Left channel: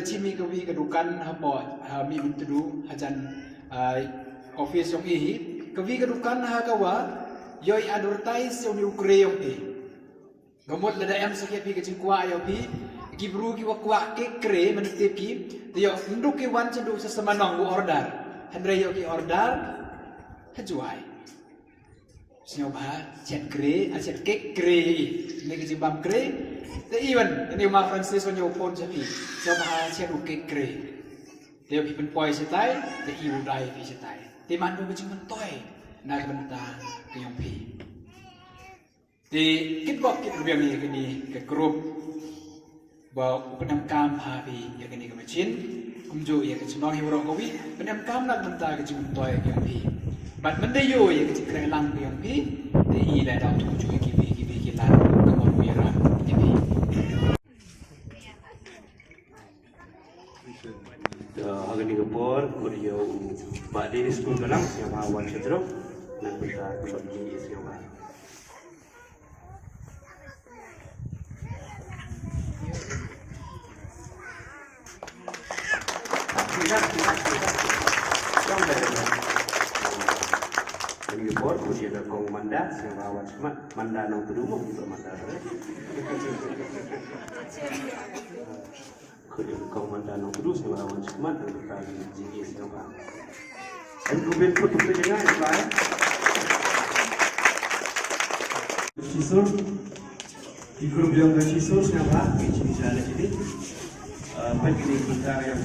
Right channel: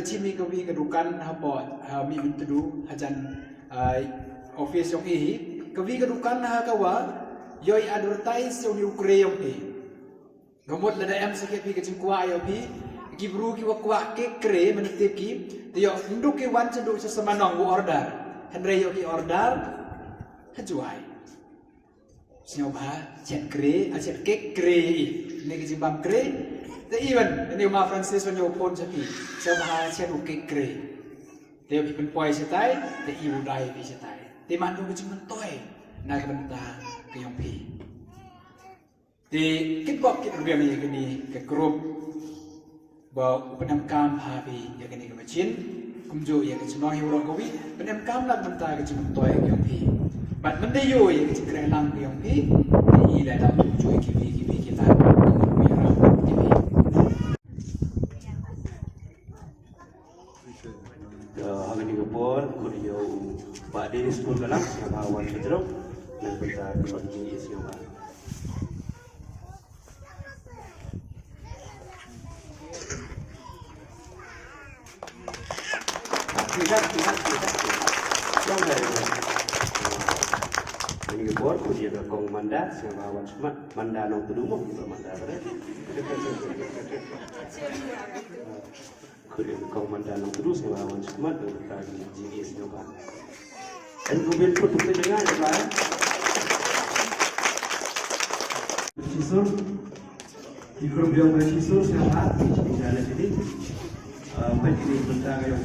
cimi kawi kedukan hapot mi untudu hajan office yang kawi kedukan kawa yoi advertise yang ukre yang gamot lada em sakit pi kecing kuah ayo pi gibru ki wakwa ke kre menitip ki tiyo nduk ki wan cendu sesemanong bu order hendra yo ki order hajuai Sinyoba chat kre chat kek kre ini kecing bam kre the even ini ma Francis wanyo pon sapi sinyoba chat kek kre tiyo pi penpoi setai the iu dai pi setai ti mandu kecing mentoi na bentang ke yong pi di kitbok kit rubiang ni kini ke grup bawa penamkam habi ya kini ke macin kumjo ya ke cenong hiwro kowi penamkam nak mentah ke cimun toy ke yong pi bat mendayo ya ke cikrai lang ke yong pi di ila dak kumjo kibi kita ke mau ya ram kibi hari ni gopor kurio ba di school kalang siapa awan sedro dan kita kembali siapa ini gopor kurio berkong manda siapa awan semat manda nang tudung kita manda kurio berkong manda nang tudung siapa awan semat dan kita jadi siapa dan kemudian pun kita jangan apa Sisur di grup yang bersisur siapa di jalan ini bagi kita yang